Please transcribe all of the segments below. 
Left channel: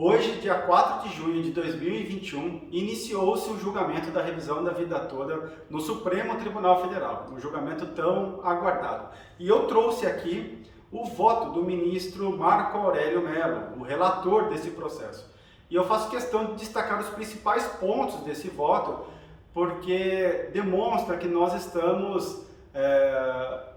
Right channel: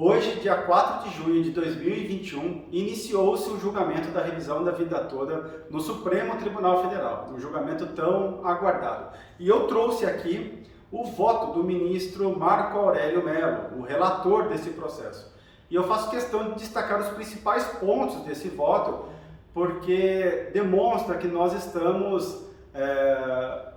Hoje, dia 4 de junho de 2021, iniciou-se o julgamento da revisão da vida toda no Supremo Tribunal Federal, um julgamento tão aguardado. E eu trouxe aqui o voto do ministro Marco Aurélio Mello, o relator desse processo. E eu faço questão de destacar os principais pontos desse voto, porque demonstra que nós estamos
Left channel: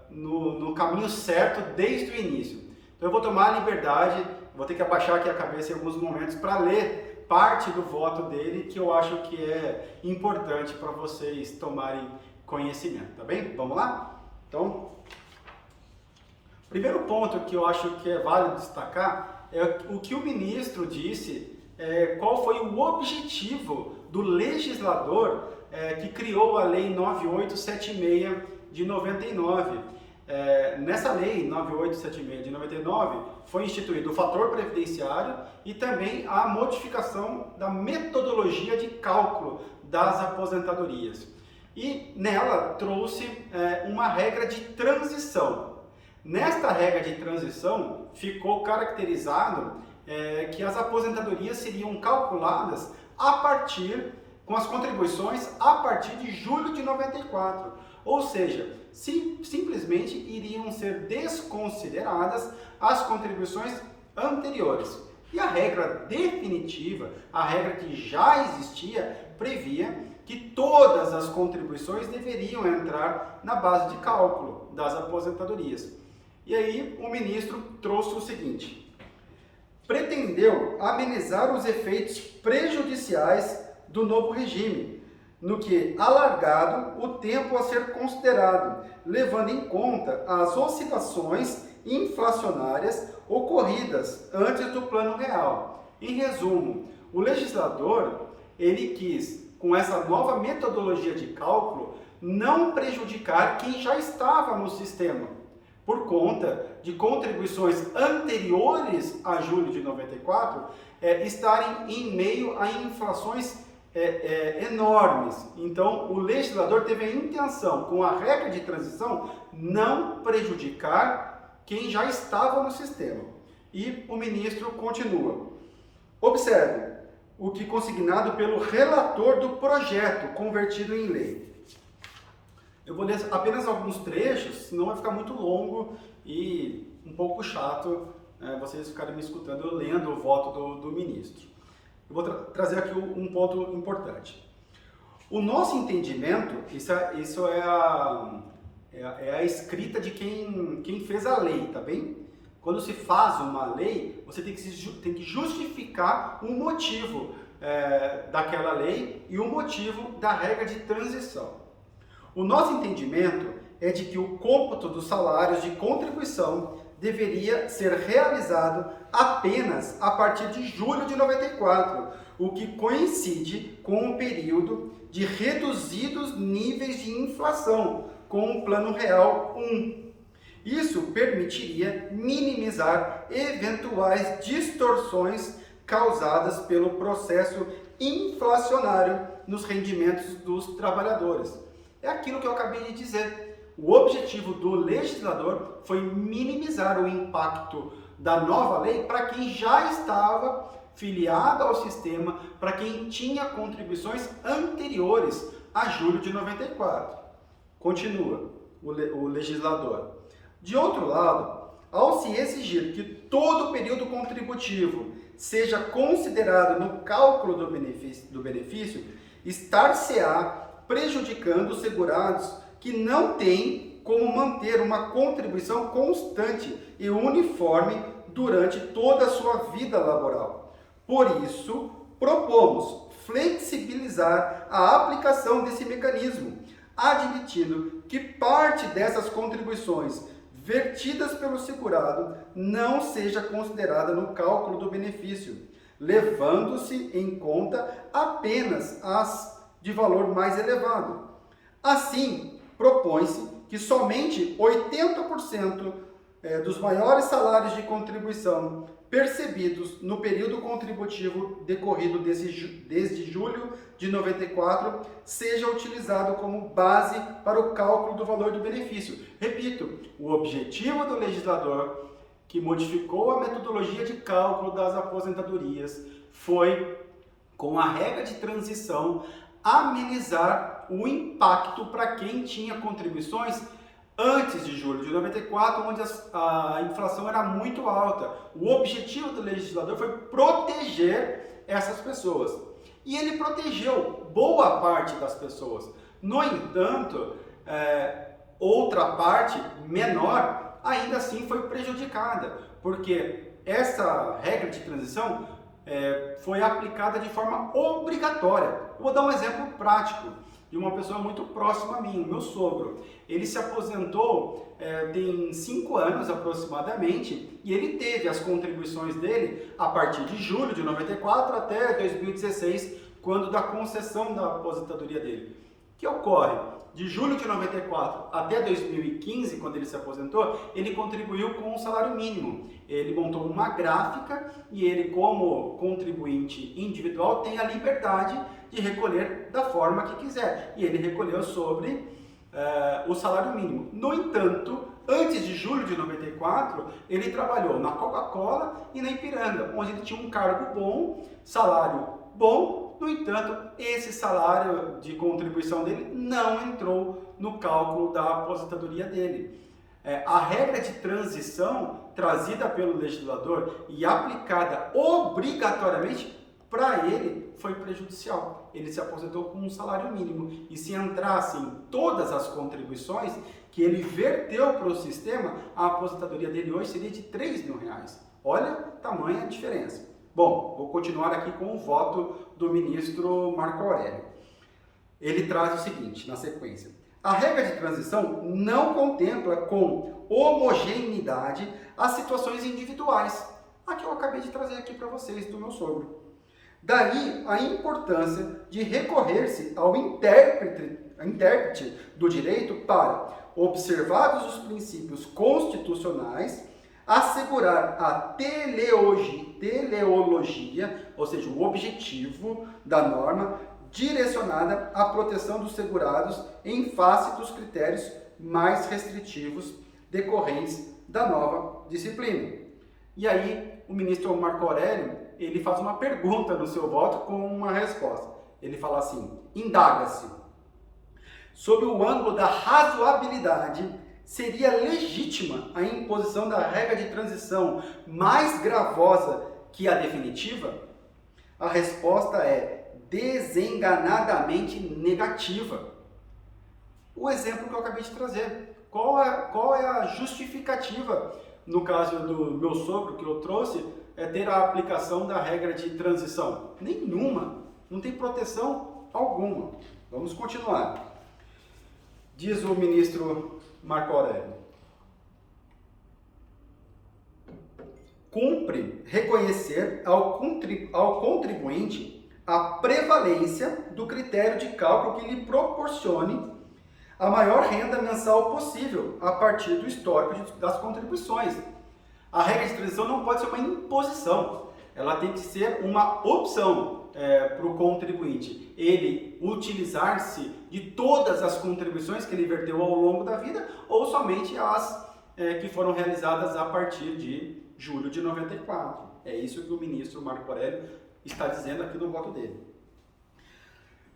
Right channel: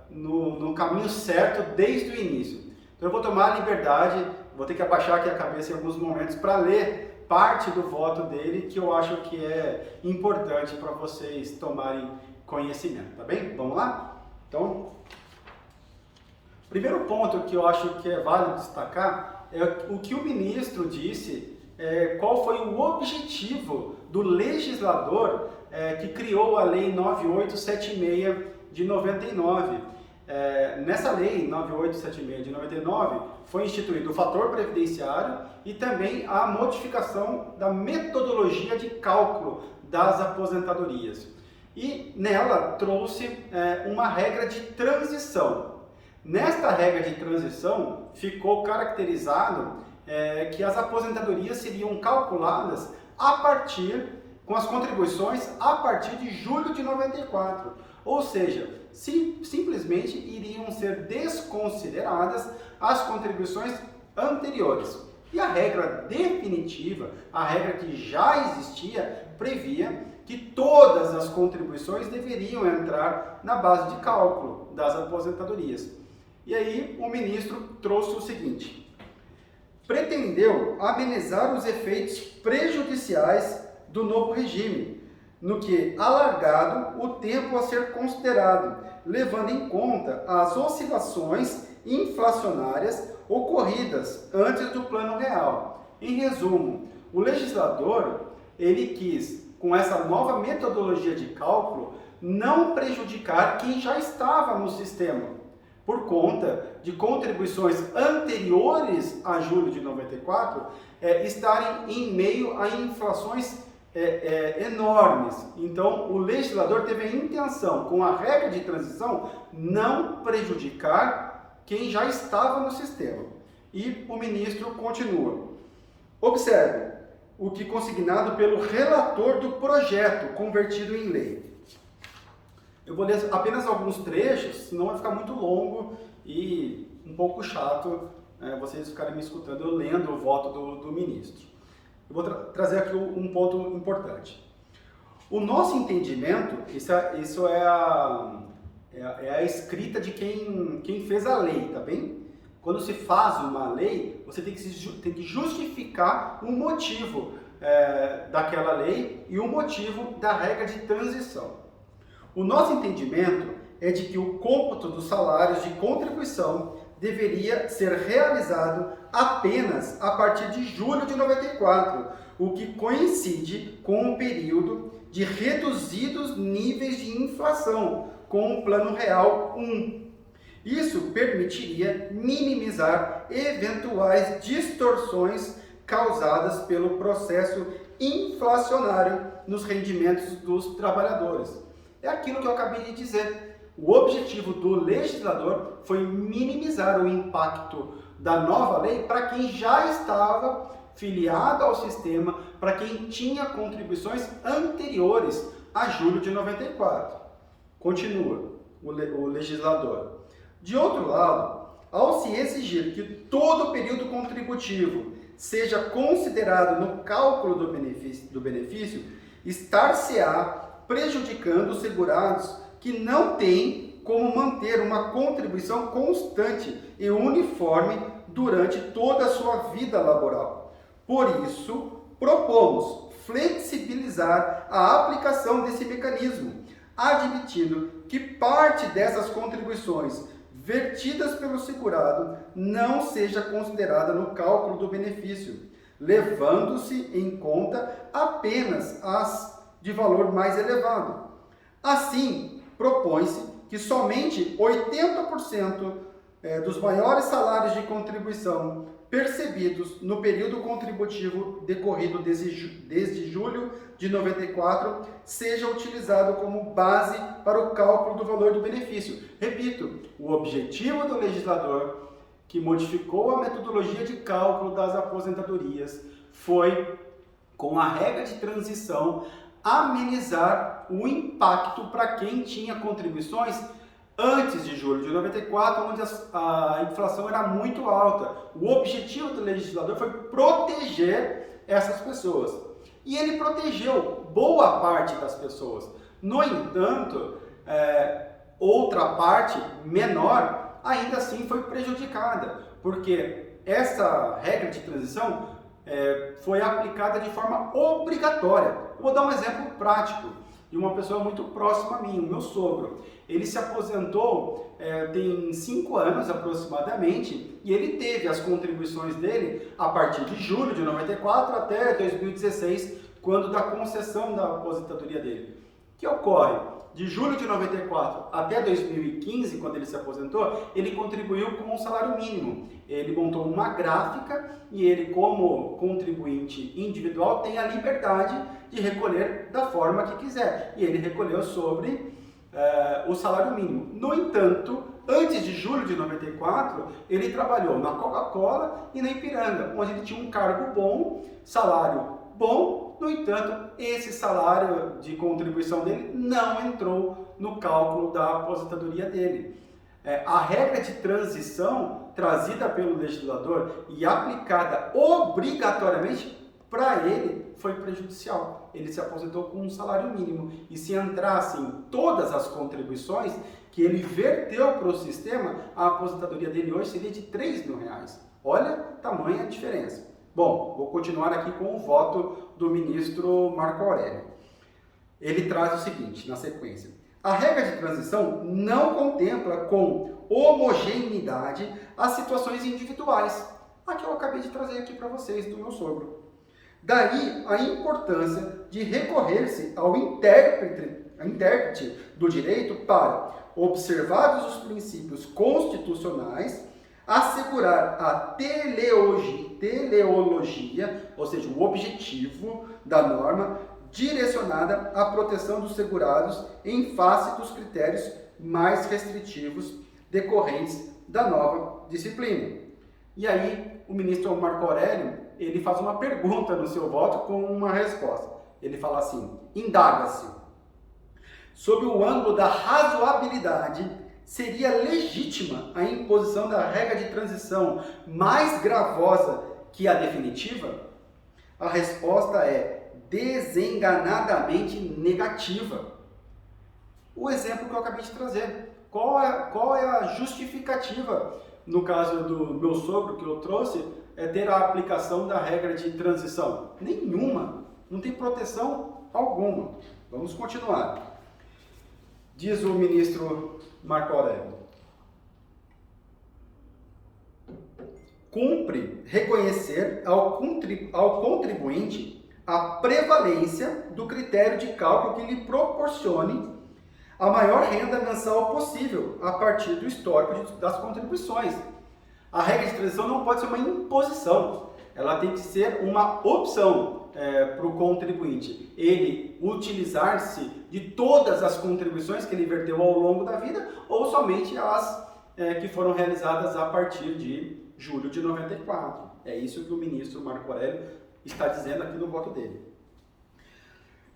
no caminho certo desde o início. Então eu vou tomar a liberdade, vou ter que abaixar aqui a cabeça em alguns momentos para ler parte do voto dele, que eu acho que é importante para vocês tomarem conhecimento, tá bem? Vamos lá? Então, primeiro ponto que eu acho que é válido destacar é o que o ministro disse, qual foi o objetivo do legislador que criou a Lei 9876 de 99. Nessa lei 9876 de 99 foi instituído o fator previdenciário e também a modificação da metodologia de cálculo das aposentadorias. E nela trouxe uma regra de transição. Nesta regra de transição ficou caracterizado que as aposentadorias seriam calculadas com as contribuições a partir de julho de 94. Ou seja, simplesmente iriam ser desconsideradas as contribuições anteriores. E a regra definitiva, a regra que já existia, previa que todas as contribuições deveriam entrar na base de cálculo das aposentadorias. E aí o ministro trouxe o seguinte: pretendeu amenizar os efeitos prejudiciais do novo regime, no que alargado o tempo a ser considerado, levando em conta as oscilações inflacionárias ocorridas antes do Plano Real. Em resumo, o legislador, ele quis, com essa nova metodologia de cálculo, não prejudicar quem já estava no sistema, por conta de contribuições anteriores a julho de 94 estarem em meio a inflações enormes. Então, o legislador teve a intenção, com a regra de transição, não prejudicar quem já estava no sistema. E o ministro continua. Observe o que consignado pelo relator do projeto convertido em lei. Eu vou ler apenas alguns trechos, senão vai ficar muito longo e um pouco chato vocês ficarem me escutando eu lendo o voto do ministro. Eu vou trazer aqui um ponto importante. O nosso entendimento, isso é a escrita de quem fez a lei, tá bem? Quando se faz uma lei, você tem que justificar o motivo daquela lei e o motivo da regra de transição. O nosso entendimento é de que o cômputo dos salários de contribuição deveria ser realizado apenas a partir de julho de 94, o que coincide com o período de reduzidos níveis de inflação, com o Plano Real 1. Isso permitiria minimizar eventuais distorções causadas pelo processo inflacionário nos rendimentos dos trabalhadores. É aquilo que eu acabei de dizer. O objetivo do legislador foi minimizar o impacto da nova lei para quem já estava filiado ao sistema, para quem tinha contribuições anteriores a julho de 94. Continua o legislador. De outro lado, ao se exigir que todo o período contributivo seja considerado no cálculo do benefício, estar-se-á prejudicando os segurados que não têm como manter uma contribuição constante e uniforme durante toda a sua vida laboral. Por isso, propomos flexibilizar a aplicação desse mecanismo, admitindo que parte dessas contribuições vertidas pelo segurado não seja considerada no cálculo do benefício, levando-se em conta apenas as de valor mais elevado. Assim, propõe-se que somente 80% dos maiores salários de contribuição percebidos no período contributivo decorrido desde julho de 94 seja utilizado como base para o cálculo do valor do benefício. Repito, o objetivo do legislador que modificou a metodologia de cálculo das aposentadorias foi, com a regra de transição, amenizar o impacto para quem tinha contribuições antes de julho de 94, onde a inflação era muito alta. O objetivo do legislador foi proteger essas pessoas. E ele protegeu boa parte das pessoas. No entanto, outra parte menor ainda assim foi prejudicada, porque essa regra de transição foi aplicada de forma obrigatória. Eu vou dar um exemplo prático de uma pessoa muito próxima a mim, o meu sogro. Ele se aposentou tem 5 anos aproximadamente e ele teve as contribuições dele a partir de julho de 94 até 2016, quando da concessão da aposentadoria dele. O que ocorre? De julho de 94 até 2015, quando ele se aposentou, ele contribuiu com um salário mínimo. Ele montou uma gráfica e ele, como contribuinte individual, tem a liberdade de recolher da forma que quiser. E ele recolheu sobre o salário mínimo. No entanto, antes de julho de 94, ele trabalhou na Coca-Cola e na Ipiranga, onde ele tinha um cargo bom, salário bom. No entanto, esse salário de contribuição dele não entrou no cálculo da aposentadoria dele. A regra de transição trazida pelo legislador e aplicada obrigatoriamente para ele foi prejudicial. Ele se aposentou com um salário mínimo e se entrassem todas as contribuições que ele verteu para o sistema, a aposentadoria dele hoje seria de R$3.000. Olha tamanha diferença. Bom, vou continuar aqui com o voto do ministro Marco Aurélio. Ele traz o seguinte, na sequência. A regra de transição não contempla com homogeneidade as situações individuais. A que eu acabei de trazer aqui para vocês, do meu sogro. Daí a importância de recorrer-se ao intérprete do direito para, observados os princípios constitucionais, assegurar a teleologia, ou seja, o objetivo da norma, direcionada à proteção dos segurados em face dos critérios mais restritivos decorrentes da nova disciplina. E aí, o ministro Marco Aurélio, ele faz uma pergunta no seu voto com uma resposta. Ele fala assim, indaga-se, sob o ângulo da razoabilidade, seria legítima a imposição da regra de transição mais gravosa que a definitiva? A resposta é desenganadamente negativa. O exemplo que eu acabei de trazer. Qual é a justificativa, no caso do meu sogro que eu trouxe, ter a aplicação da regra de transição? Nenhuma. Não tem proteção alguma. Vamos continuar. Diz o ministro Marco Aurélio. Cumpre reconhecer ao contribuinte a prevalência do critério de cálculo que lhe proporcione a maior renda mensal possível a partir do histórico das contribuições. A regra de transição não pode ser uma imposição, ela tem que ser uma opção para o contribuinte. Ele utilizar-se de todas as contribuições que ele verteu ao longo da vida ou somente as que foram realizadas a partir de julho de 94. É isso que o ministro Marco Aurélio está dizendo aqui no voto dele.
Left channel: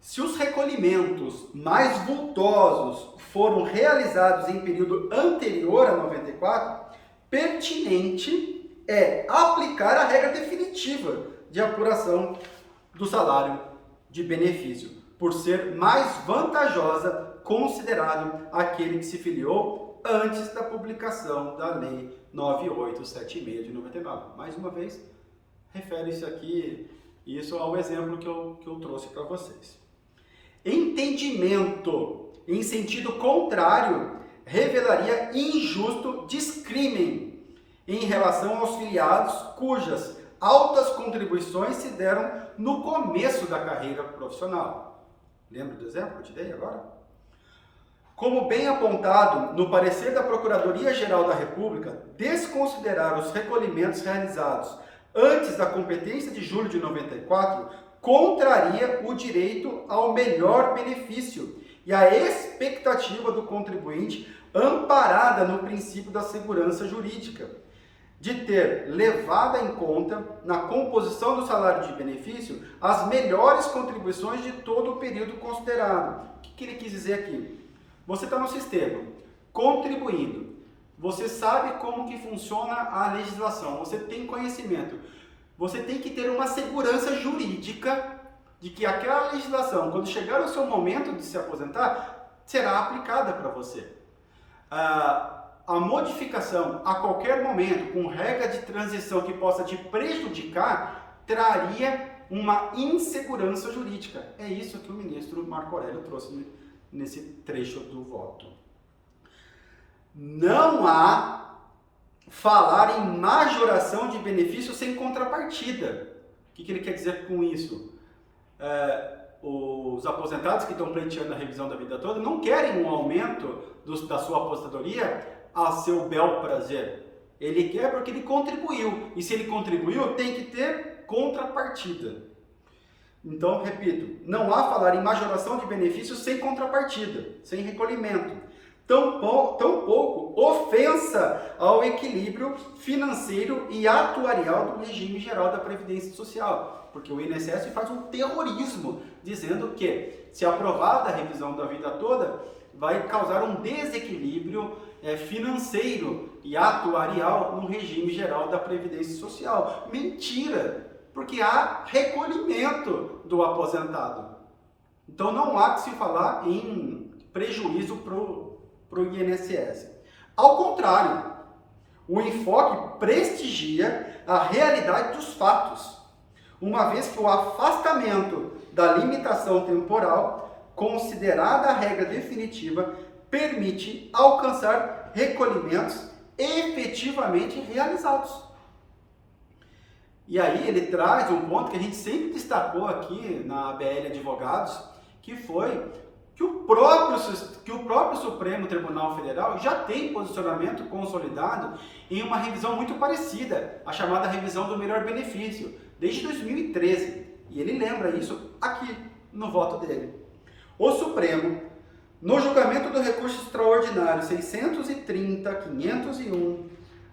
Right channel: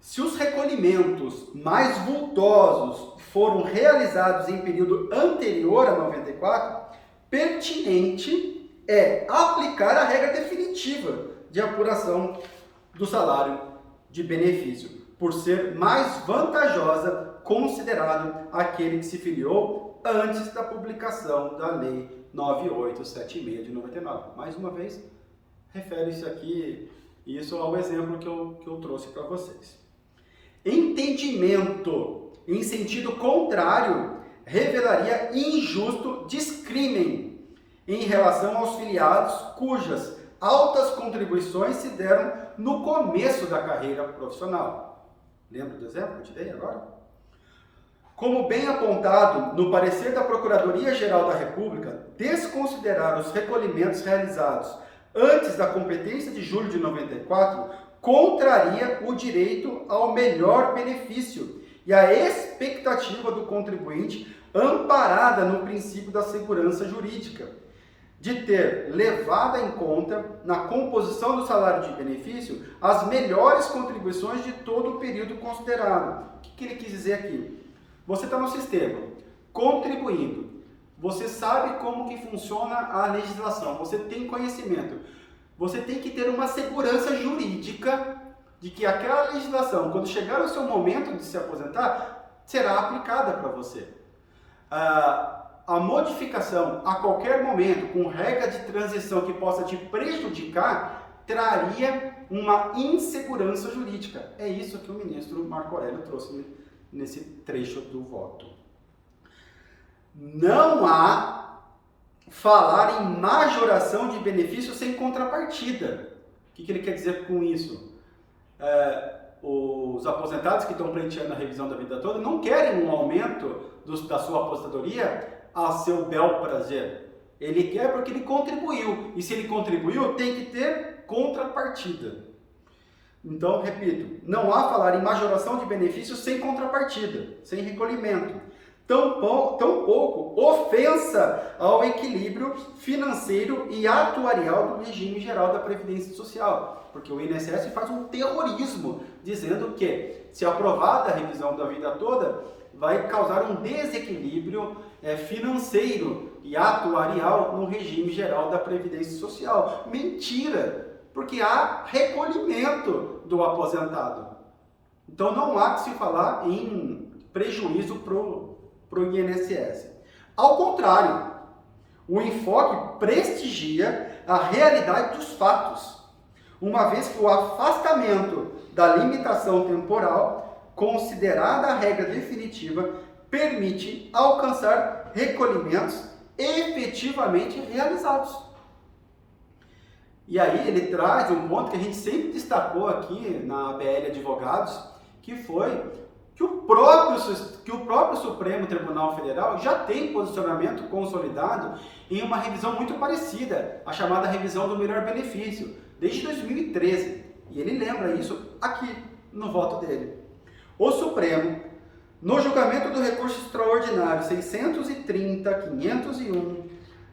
Se os recolhimentos mais vultosos foram realizados em período anterior a 94, pertinente é aplicar a regra definitiva de apuração do salário de benefício, por ser mais vantajosa considerado aquele que se filiou antes da publicação da Lei 9876 de 99. Mais uma vez, refere-se aqui isso ao exemplo que eu trouxe para vocês. Entendimento em sentido contrário revelaria injusto descrime em relação aos filiados cujas altas contribuições se deram no começo da carreira profissional. Lembra do exemplo que eu te dei agora? Como bem apontado no parecer da Procuradoria-Geral da República, desconsiderar os recolhimentos realizados antes da competência de julho de 94 contraria o direito ao melhor benefício e a expectativa do contribuinte amparada no princípio da segurança jurídica. de ter levado em conta, na composição do salário de benefício, as melhores contribuições de todo o período considerado. O que ele quis dizer aqui? Você está no sistema, contribuindo, você sabe como que funciona a legislação, você tem conhecimento, você tem que ter uma segurança jurídica de que aquela legislação, quando chegar o seu momento de se aposentar, será aplicada para você. A modificação a qualquer momento, com regra de transição que possa te prejudicar, traria uma insegurança jurídica. É isso que o ministro Marco Aurélio trouxe nesse trecho do voto. Não há falar em majoração de benefícios sem contrapartida. O que ele quer dizer com isso? Os aposentados que estão pleiteando a revisão da vida toda não querem um aumento da sua aposentadoria a seu bel prazer. Ele quer porque ele contribuiu. E se ele contribuiu, tem que ter contrapartida. Então, repito, não há falar em majoração de benefícios sem contrapartida, sem recolhimento. Tampouco ofensa ao equilíbrio financeiro e atuarial do regime geral da Previdência Social. Porque o INSS faz um terrorismo, dizendo que, se aprovada a revisão da vida toda, vai causar um desequilíbrio financeiro e atuarial no regime geral da Previdência Social. Mentira! Porque há recolhimento do aposentado. Então não há que se falar em prejuízo para o INSS. Ao contrário, o enfoque prestigia a realidade dos fatos, uma vez que o afastamento da limitação temporal, considerada a regra definitiva, permite alcançar recolhimentos efetivamente realizados. E aí ele traz um ponto que a gente sempre destacou aqui na ABL Advogados, que foi que o próprio Supremo Tribunal Federal já tem posicionamento consolidado em uma revisão muito parecida, a chamada revisão do melhor benefício, desde 2013. E ele lembra isso aqui no voto dele. O Supremo, no julgamento do recurso extraordinário 630.501,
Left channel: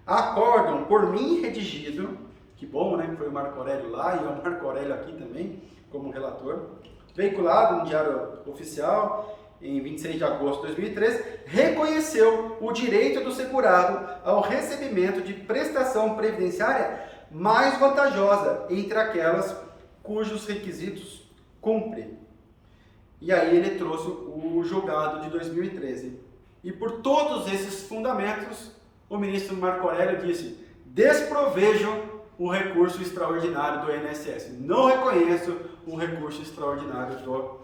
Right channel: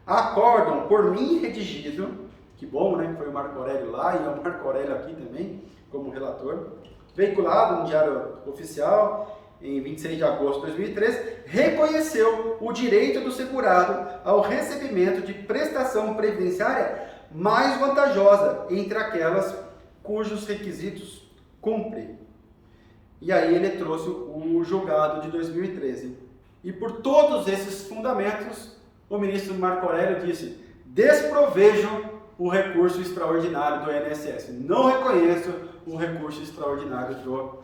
acórdão por mim redigido, que bom, né, que foi o Marco Aurélio lá e é o Marco Aurélio aqui também, como relator, veiculado no Diário Oficial em 26 de agosto de 2013, reconheceu o direito do segurado ao recebimento de prestação previdenciária mais vantajosa entre aquelas cujos requisitos cumpre. E aí ele trouxe o julgado de 2013. E por todos esses fundamentos, o ministro Marco Aurélio disse: desprovejo o recurso extraordinário do INSS. Não reconheço o recurso extraordinário do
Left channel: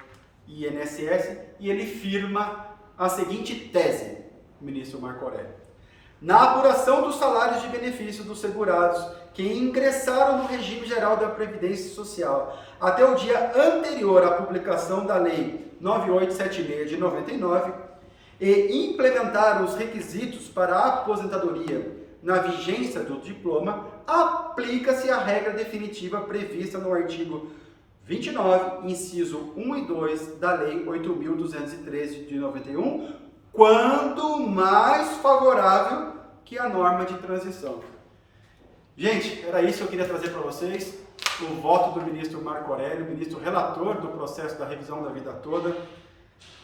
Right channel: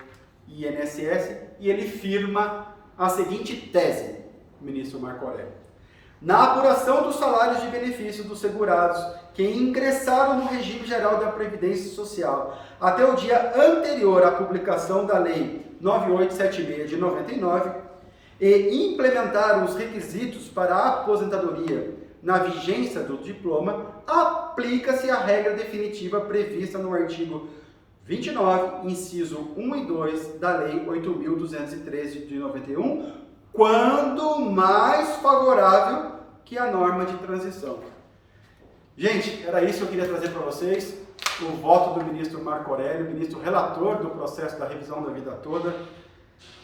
INSS. E ele firma a seguinte tese, o ministro Marco Aurélio: na apuração dos salários de benefício dos segurados que ingressaram no regime geral da Previdência Social até o dia anterior à publicação da Lei 9876 de 99 e implementaram os requisitos para a aposentadoria na vigência do diploma, aplica-se a regra definitiva prevista no artigo 29, inciso 1 e 2 da Lei 8.213 de 91, quando mais favorável que a norma de transição. Gente, era isso que eu queria trazer para vocês, o voto do ministro Marco Aurélio, ministro relator do processo da revisão da vida toda.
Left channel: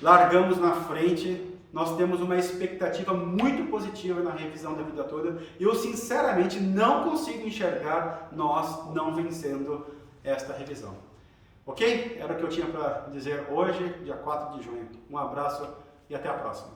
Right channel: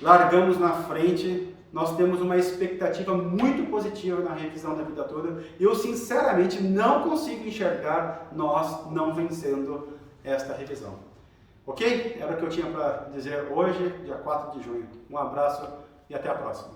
Largamos na frente. Nós temos uma expectativa muito positiva na revisão da vida toda. Eu, sinceramente, não consigo enxergar nós não vencendo esta revisão. Ok? Era o que eu tinha para dizer hoje, dia 4 de junho. Um abraço e até a próxima.